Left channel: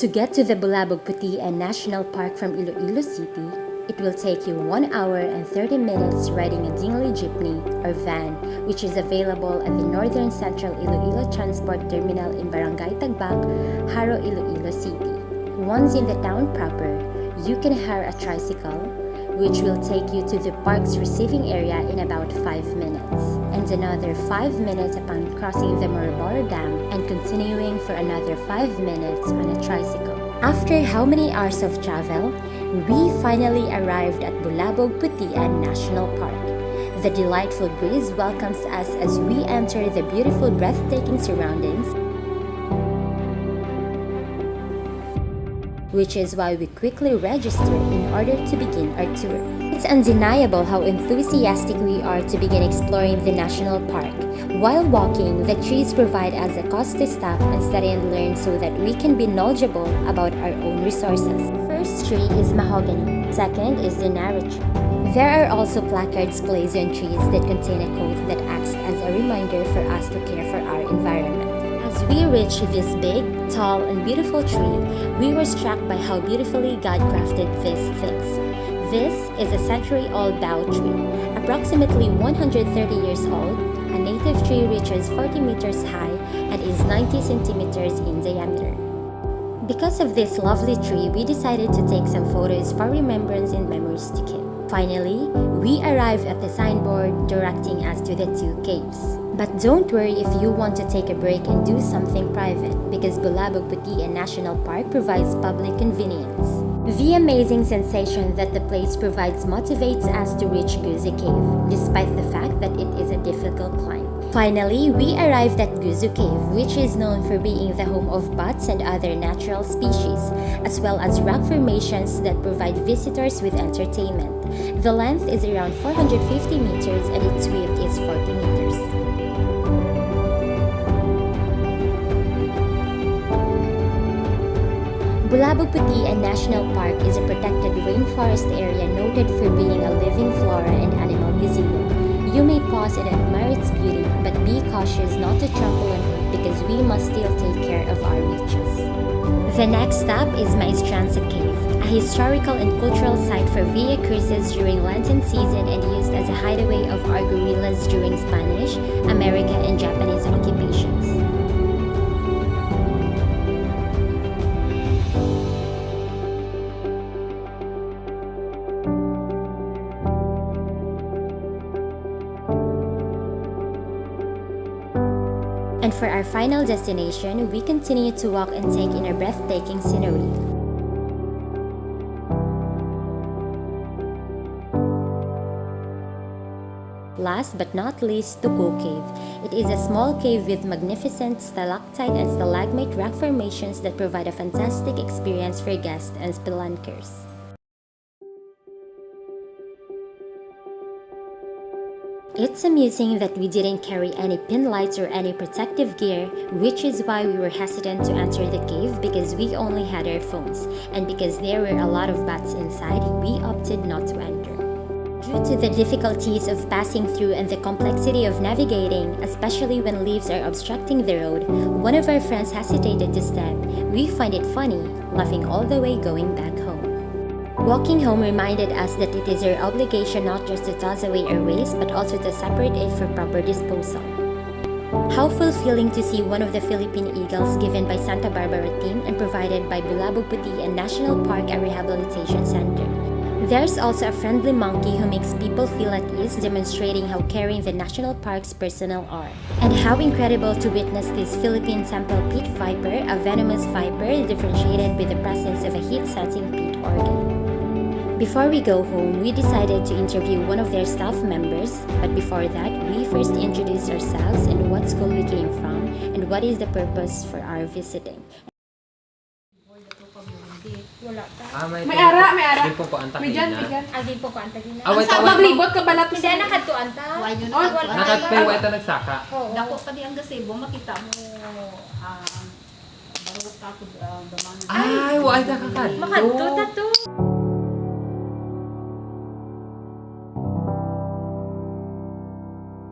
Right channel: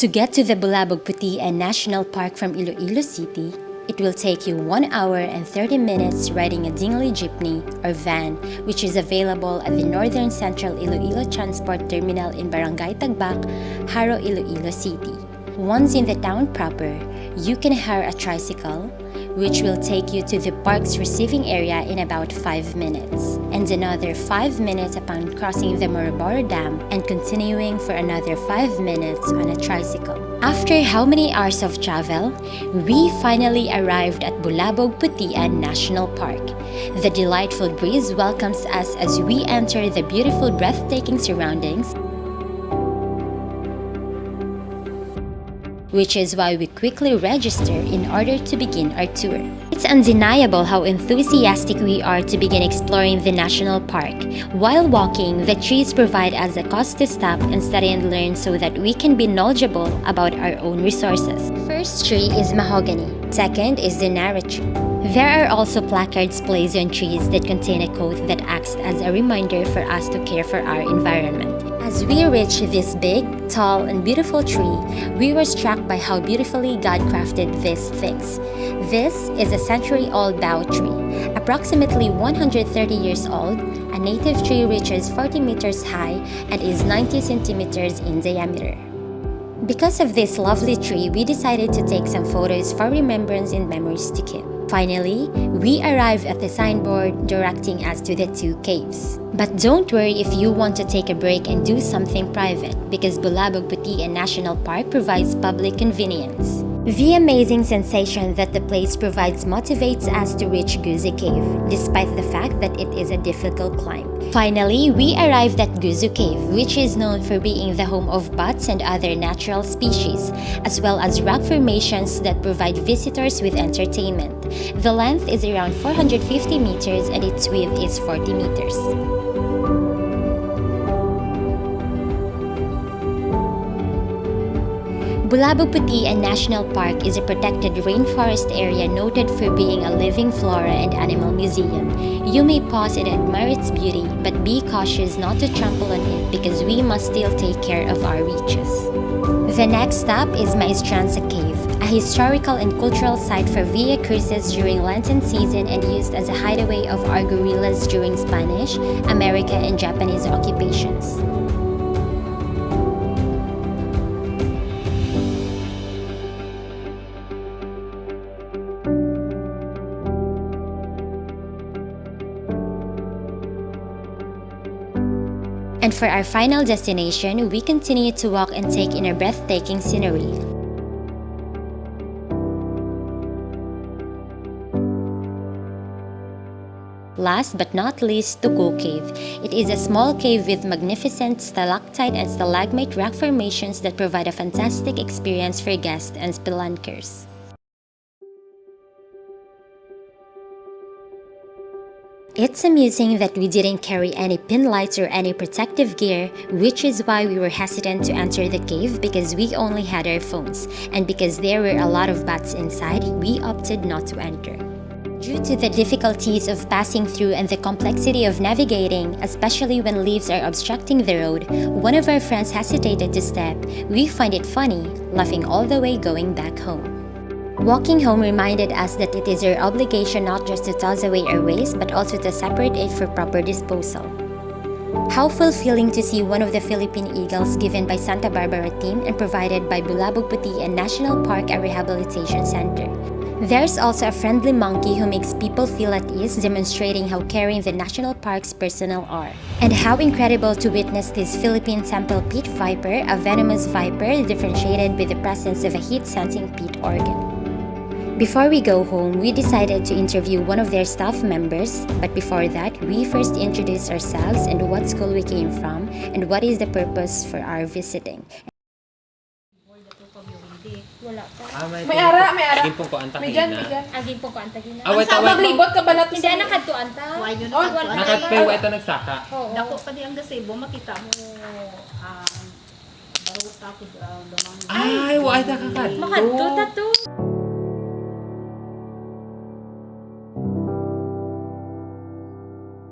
To get to the Bulabog Putian National Park from Iloilo City, it will take you 1 hour and 30 minutes riding a dinghy jeepney or van, which is available at the Northern Central Iloilo Transport Terminal in Barangay Tagbak, Haro, Iloilo City. Once in the town proper, you can hire a tricycle, which will take you to the park's receiving area in about 5 minutes, and another 5 minutes upon crossing the Moroboro Dam and continuing for another 5 minutes on a tricycle. After how many hours of travel, we finally arrived at Bulabog Putian National Park. The delightful breeze welcomes us as we enter the beautiful, breathtaking surroundings, which is why we quickly register in order to begin our tour. It's undeniable how enthusiastic we are to begin exploring the national park. While walking, the trees provide us a cause to stop and study and learn so that we can be knowledgeable about our own resources. First tree is mahogany. Second is the narrow tree. There are also placards placed on trees that contain a quote that acts as a reminder for us to care for our environment. As we reached this big, tall, and beautiful tree, we were struck by how beautifully God crafted these things. This is a century-old bao tree. Approximately 130 years old, a native tree reaches 40 meters high and is 90 centimeters in diameter. Because of this lovely tree, we decided to take some photos for remembrance and memories to keep. Finally, we arrived at the signboard directing us to the two caves. But don't worry if you want to take a break and do something private, because Bulabog Putian National Park provides public convenience. The amazing sensation that the place provides motivates us to reach Guzu Cave, despite the fact that it is a difficult climb. Finally, we arrived at Guzu Cave, which is known for being the home of bats and other natural species, as well as rock formations that provide visitors with entertainment. The length is around 450 meters and its width is 40 meters. Bulabog Putian National Park is a protected rainforest area noted for being a living flora and animal museum. You may pause and admire its beauty, but be cautious not to trample on it because we must still take care of our reaches. The next stop is Maestranza Cave, a historical and cultural site for via cruises during Lenten season and used as a hideaway of our guerrillas during Spanish, American, and Japanese occupations. And for our final destination, we continue to walk and take in our breathtaking scenery. Last but not least, Tugu Cave. It is a small cave with magnificent stalactite and stalagmite rock formations that provide a fantastic experience for guests and spelunkers. It's amusing that we didn't carry any pin lights or any protective gear, which is why we were hesitant to enter the cave because we only had our phones, and because there were a lot of bats inside, we opted not to enter. Due to the difficulties of passing through and the complexity of navigating, especially when leaves are obstructing the road, one of our friends hesitated to step. We find it funny, laughing all the way going back home. Walking home reminded us that it is our obligation not just to toss away our waste, but also to separate it for proper disposal. How fulfilling to see one of the Philippine eagles given by Santa Barbara team and provided by Bulabog Putian National Park, a rehabilitation center. There's also a friendly monkey who makes people feel at ease, demonstrating how caring the national park's personnel are. And how incredible to witness this Philippine temple pit viper, a venomous viper differentiated with the presence of a heat-sensing pit organ. Before we go home, we decided to interview one of their staff members, but before that, we first introduced ourselves and what school we came from and what is the purpose for our visiting. Wala ta. May ara. Agin po ko ang takina. Agin po ko ang tagina. Away Sa maglibot ka balat Hindi na kadtuan ta. Why yun Oh, na? wala. Nakatpay wa ito nagsaka. Dako pa di ang gazebo makita mo baro ta ko damang. Ay, wa ito kakad. Makadto ta to.